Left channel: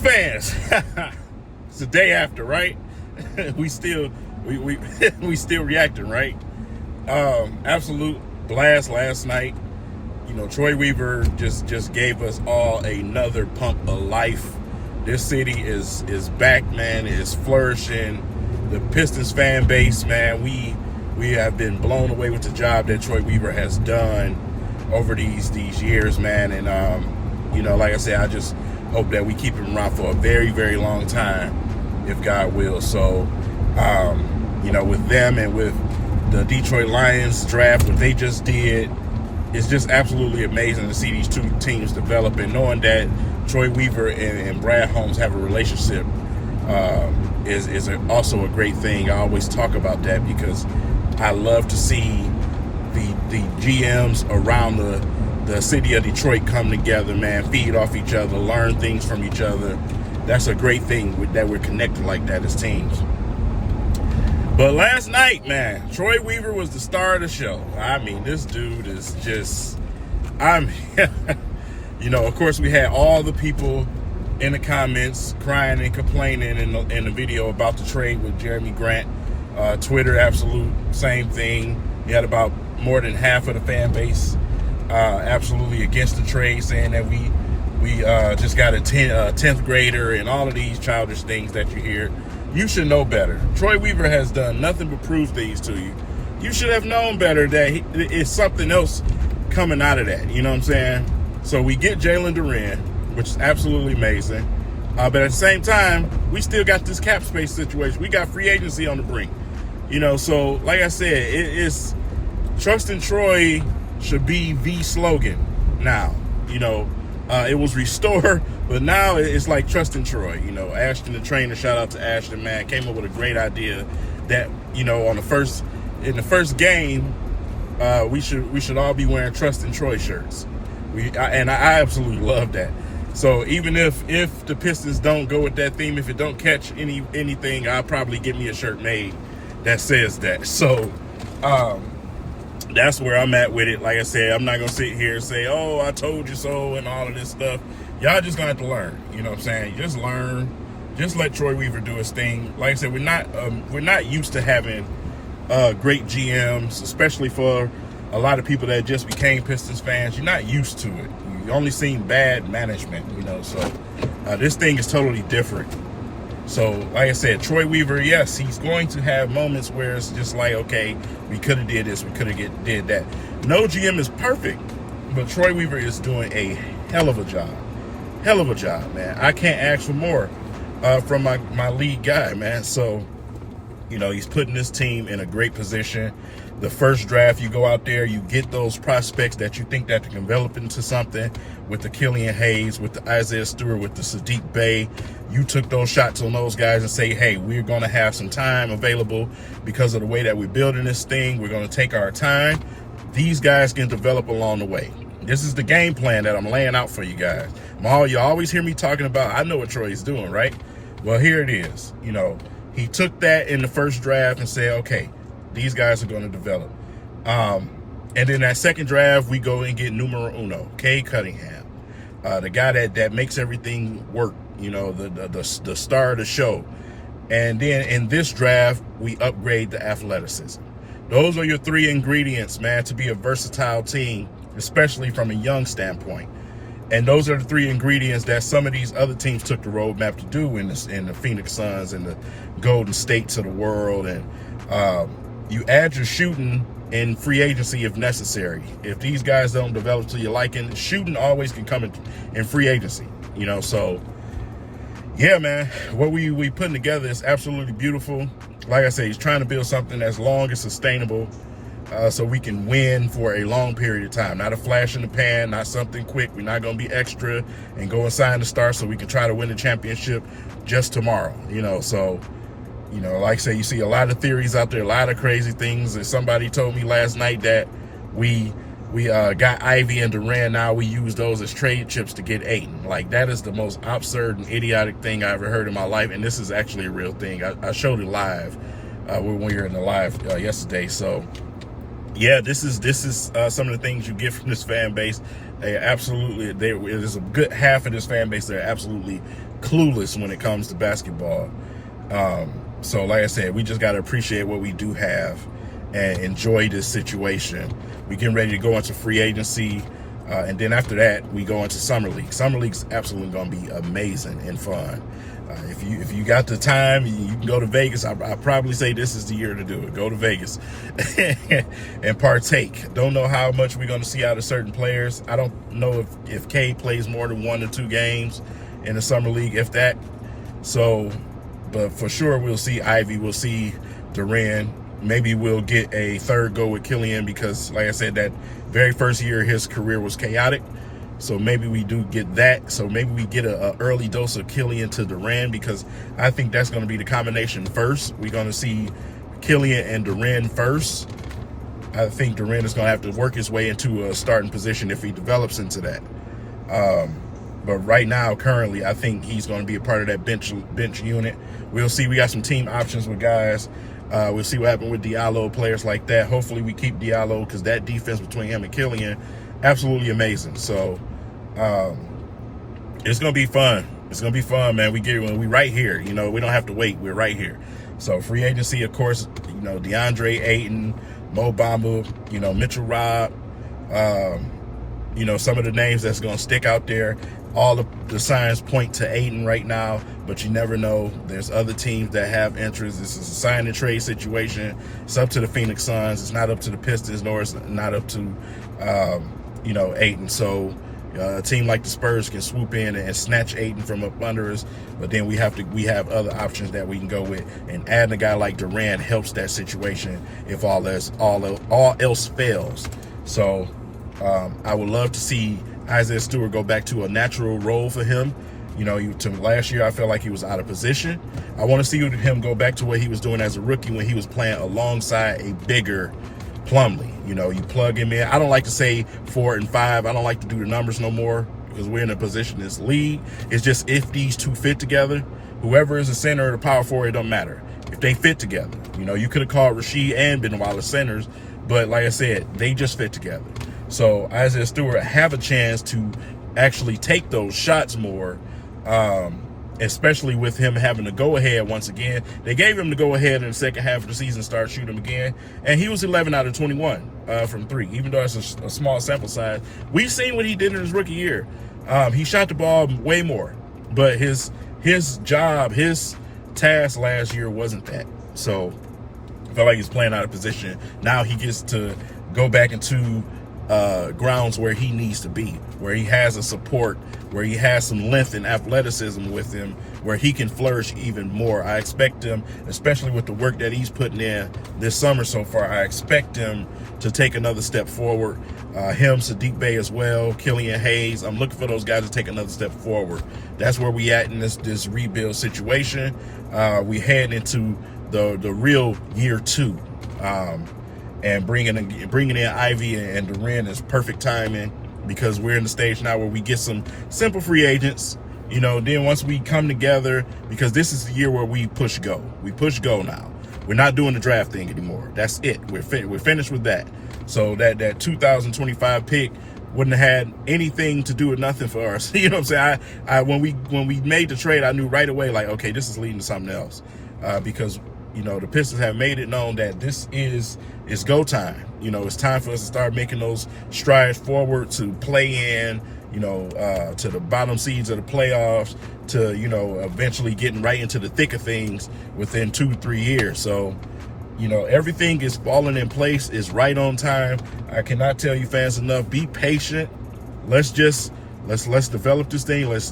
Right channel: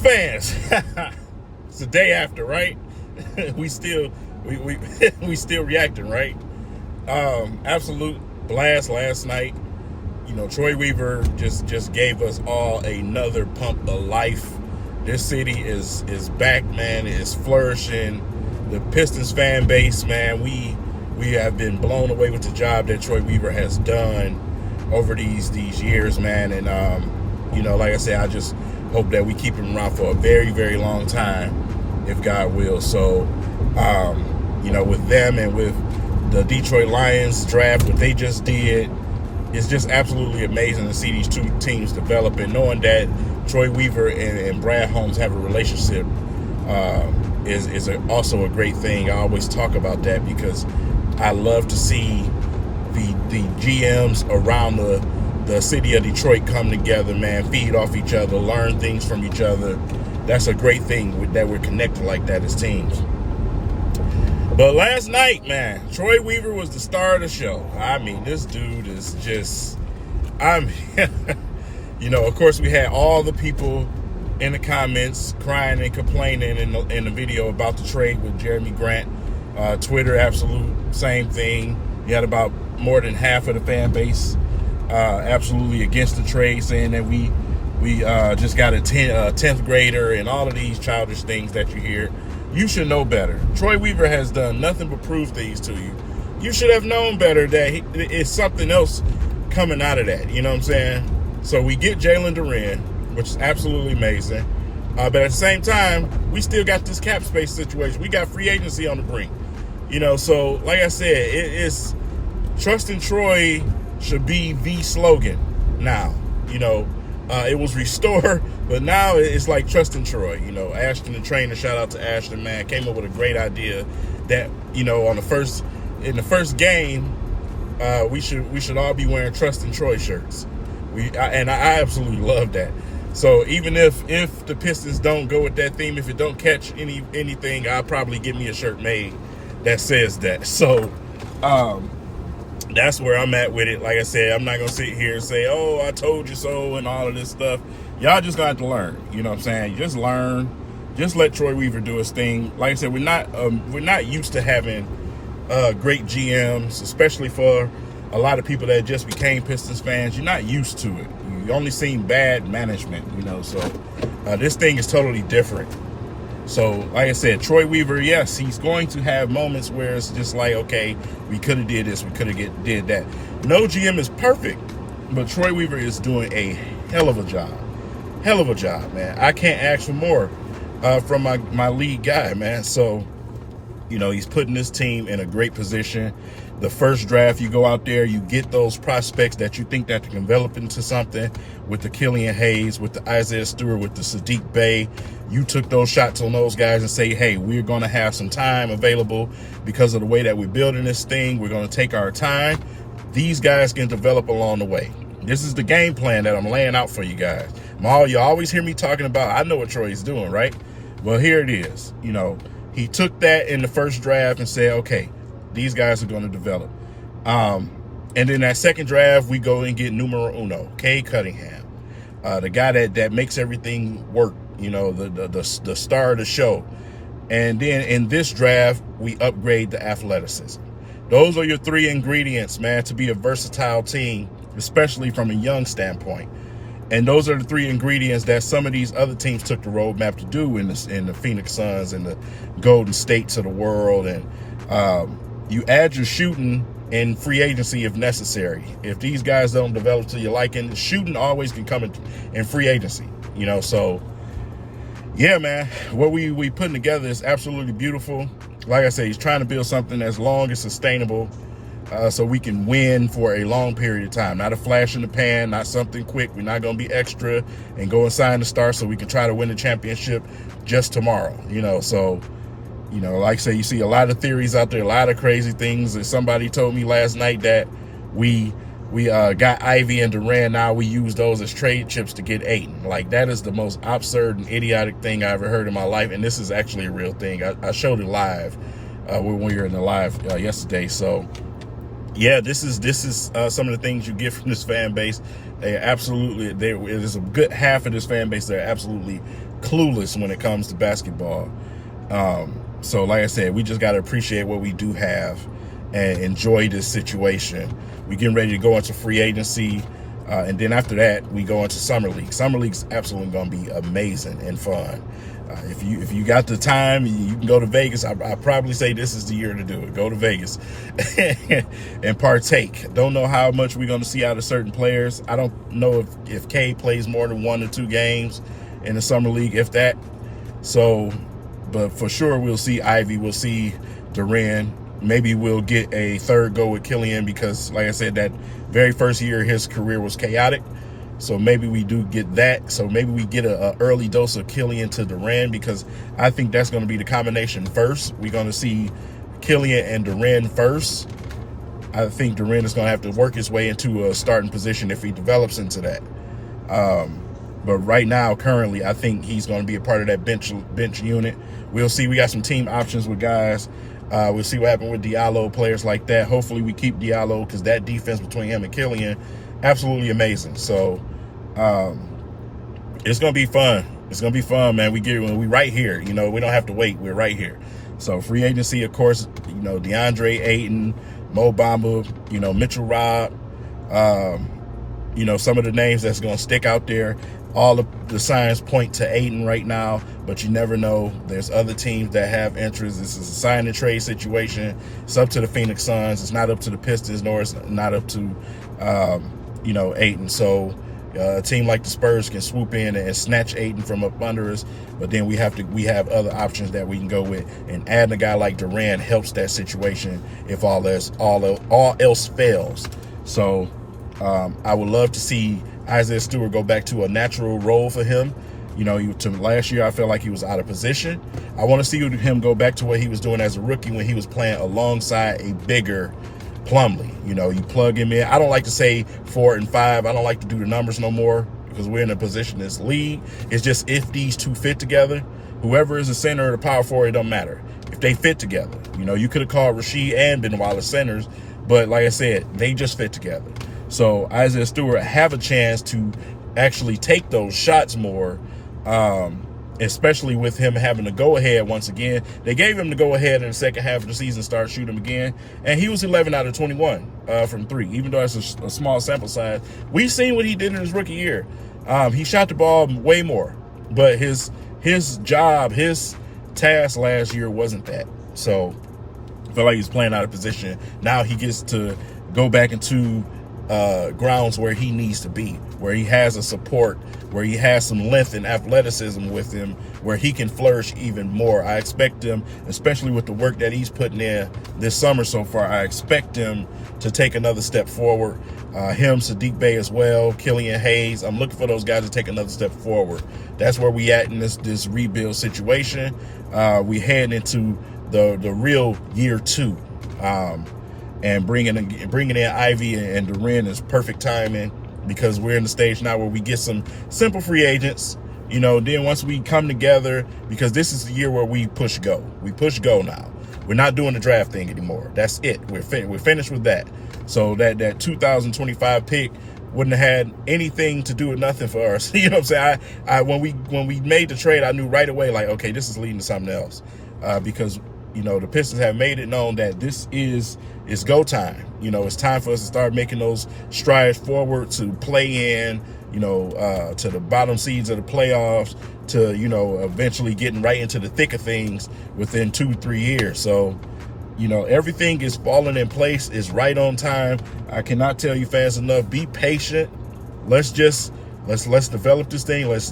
fans, it's the day after, right? we still reacting, right? Absolute blast last night. You know, Troy Weaver just gave us all another pump of life. This city is back, man. It is flourishing. The Pistons fan base, man, we have been blown away with the job that Troy Weaver has done over these years, man. And you know, like I said, I just hope that we keep him around for a very, very long time, if God will. So, you know, with them and with the Detroit Lions draft, what they just did, it's just absolutely amazing to see these two teams develop, and knowing that Troy Weaver and Brad Holmes have a relationship is also a great thing. I always talk about that because I love to see the GMs around the city of Detroit come together, man, feed off each other, learn things from each other. That's a great thing that we're connected like that as teams. But last night, man, Troy Weaver was the star of the show. I mean, this dude is just, you know, of course we had all the people in the comments crying and complaining in the video about the trade with Jeremy Grant. Twitter, absolute same thing. You had about more than half of the fan base absolutely against the trade, saying that we just got a 10th grader and all of these childish things that you hear. You should know better. Troy Weaver has done nothing but prove things to you. You should have known better that it's something else coming out of that. You know what I'm saying? So we get Jalen Duren, which is absolutely amazing. But at the same time, we still got this cap space situation. We got free agency on the brink. You know, so like I said, it's trust in Troy should be the slogan now. You know, it was restore, but now it's like trust in Troy. You know, Ashton, the trainer, shout out to Ashton, man, came up with a great idea that, you know, in the first game, we should all be wearing trust in Troy shirts. I absolutely love that. So even if the Pistons don't go with that theme, if it don't catch anything, I'll probably get me a shirt made that says that. So that's where I'm at with it. Like I said, I'm not going to sit here and say, oh, I told you so and all of this stuff. Y'all just going to have to learn. You know what I'm saying? Just learn. Just let Troy Weaver do his thing. Like I said, we're not used to having great GMs, especially for a lot of people that just became Pistons fans. You're not used to it. You only seen bad management, you know. So this thing is totally different. So, like I said, Troy Weaver, yes, he's going to have moments where it's just like, okay, we could have did this, we could have did that. No GM is perfect, but Troy Weaver is doing a hell of a job. Hell of a job, man. I can't ask for more from my lead guy, man. So, you know, he's putting this team in a great position. The first draft, you go out there, you get those prospects that you think that can develop into something, with the Killian Hayes, with the Isaiah Stewart, with the Sadiq Bey. You took those shots on those guys and say, hey, we're going to have some time available because of the way that we're building this thing. We're going to take our time. These guys can develop along the way. This is the game plan that I'm laying out for you guys. You always hear me talking about, I know what Troy's doing, right? Well, here it is. You know, he took that in the first draft and said, okay, these guys are going to develop. And then that second draft, we go and get numero uno, Cade Cunningham, the guy that makes everything work, you know, the star of the show. And then in this draft, we upgrade the athleticism. Those are your three ingredients, man, to be a versatile team, especially from a young standpoint. And those are the three ingredients that some of these other teams took the roadmap to do in the Phoenix Suns and the Golden States of the world. And you add your shooting in free agency if necessary. If these guys don't develop to your liking, shooting always can come in free agency, you know. So yeah, man, what we putting together is absolutely beautiful. Like I say, he's trying to build something that's long and sustainable, so we can win for a long period of time. Not a flash in the pan, not something quick. We're not going to be extra and go and sign the star so we can try to win the championship just tomorrow, you know. So, you know, like I say, you see a lot of theories out there, a lot of crazy things. And somebody told me last night that we got Ivy and Duran. Now we use those as trade chips to get Ayton. Like, that is the most absurd and idiotic thing I ever heard in my life. And this is actually a real thing. I showed it live when we were in the live yesterday. So yeah, this is some of the things you get from this fan base. There's a good half of this fan base that are absolutely clueless when it comes to basketball. So like I said, we just got to appreciate what we do have and enjoy this situation. We're getting ready to go into free agency. And then after that, we go into Summer League. Summer League's absolutely going to be amazing and fun. If you got the time, you can go to Vegas. I probably say this is the year to do it. Go to Vegas and partake. Don't know how much we're going to see out of certain players. I don't know if K plays more than 1 or 2 games in the Summer League, if that. So, but for sure we'll see Ivy. We'll see Duran. Maybe we'll get a third go with Killian because, like I said, that very first year of his career was chaotic. So maybe we do get that. So maybe we get a early dose of Killian to Duran because I think that's going to be the combination first. We're going to see Killian and Duran first. I think Duran is going to have to work his way into a starting position if he develops into that. But right now, currently, I think he's going to be a part of that bench unit. We'll see. We got some team options with guys. We'll see what happens with Diallo, players like that. Hopefully we keep Diallo because that defense between him and Killian, absolutely amazing. So it's going to be fun. It's going to be fun, man. We right here. You know, we don't have to wait. We're right here. So free agency, of course, you know, DeAndre Ayton, Mo Bamba, you know, Mitchell Robb, you know, some of the names that's going to stick out there. All of the signs point to Ayton right now, but you never know. There's other teams that have interest. This is a sign and trade situation. It's up to the Phoenix Suns. It's not up to the Pistons, nor it's not up to, you know, Ayton. So a team like the Spurs can swoop in and snatch Ayton from up under us. But then we have other options that we can go with. And adding a guy like Durant helps that situation if all else fails. So I would love to see Isaiah Stewart go back to a natural role for him. You know, last year I felt like he was out of position. I want to see him go back to what he was doing as a rookie when he was playing alongside a bigger Plumlee. You know, you plug him in. I don't like to say 4 and 5. I don't like to do the numbers no more because we're in a position in this league. It's just if these two fit together, whoever is the center or the power forward, it don't matter. If they fit together. You know, you could have called Rasheed and Benoit as centers, but like I said, they just fit together. So Isaiah Stewart have a chance to actually take those shots more, especially with him having to go ahead once again. They gave him the go ahead in the second half of the season, start shooting again, and he was 11 out of 21 from 3, even though it's a small sample size. We've seen what he did in his rookie year. He shot the ball way more, but his job, his task last year wasn't that. So I felt like he's playing out of position. Now he gets to go back into grounds where he needs to be, where he has a support, where he has some length and athleticism with him, where he can flourish even more. I expect him, especially with the work that he's putting in this summer so far, I expect him to take another step forward. Him, Sadiq Bey as well, Killian Hayes. I'm looking for those guys to take another step forward. That's where we at in this rebuild situation. We head into the real year 2. And bringing in Ivy and Duran is perfect timing because we're in the stage now where we get some simple free agents, you know. Then once we come together, because this is the year where we push go. We push go now. We're not doing the draft thing anymore. That's it. We're finished with that. So that 2025 pick wouldn't have had anything to do with nothing for us. You know what I'm saying? When we made the trade, I knew right away, like, okay, this is leading to something else, because you know the Pistons have made it known that it's go time. You know, it's time for us to start making those strides forward to play in, you know, to the bottom seeds of the playoffs, to, you know, eventually getting right into the thick of things within 2-3 years. So, you know, everything is falling in place, is right on time. I cannot tell you fans enough, be patient. Let's develop this thing. Let's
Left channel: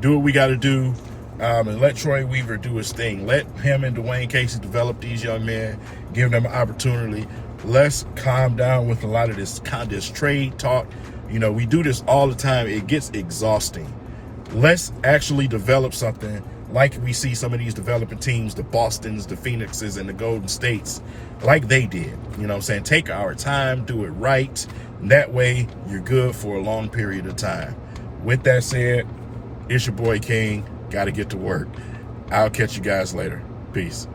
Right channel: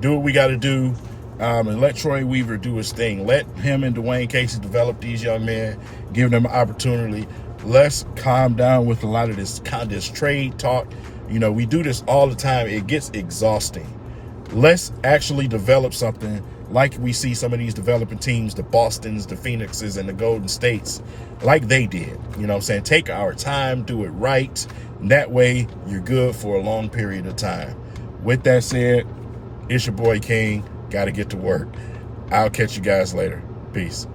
do what we got to do. And let Troy Weaver do his thing. Let him and Dwayne Casey develop these young men, give them an opportunity. Let's calm down with a lot of this trade talk. You know, we do this all the time. It gets exhausting. Let's actually develop something like we see some of these developing teams, the Bostons, the Phoenixes, and the Golden States, like they did. You know what I'm saying? Take our time, do it right. That way, you're good for a long period of time. With that said, it's your boy King. Got to get to work. I'll catch you guys later. Peace.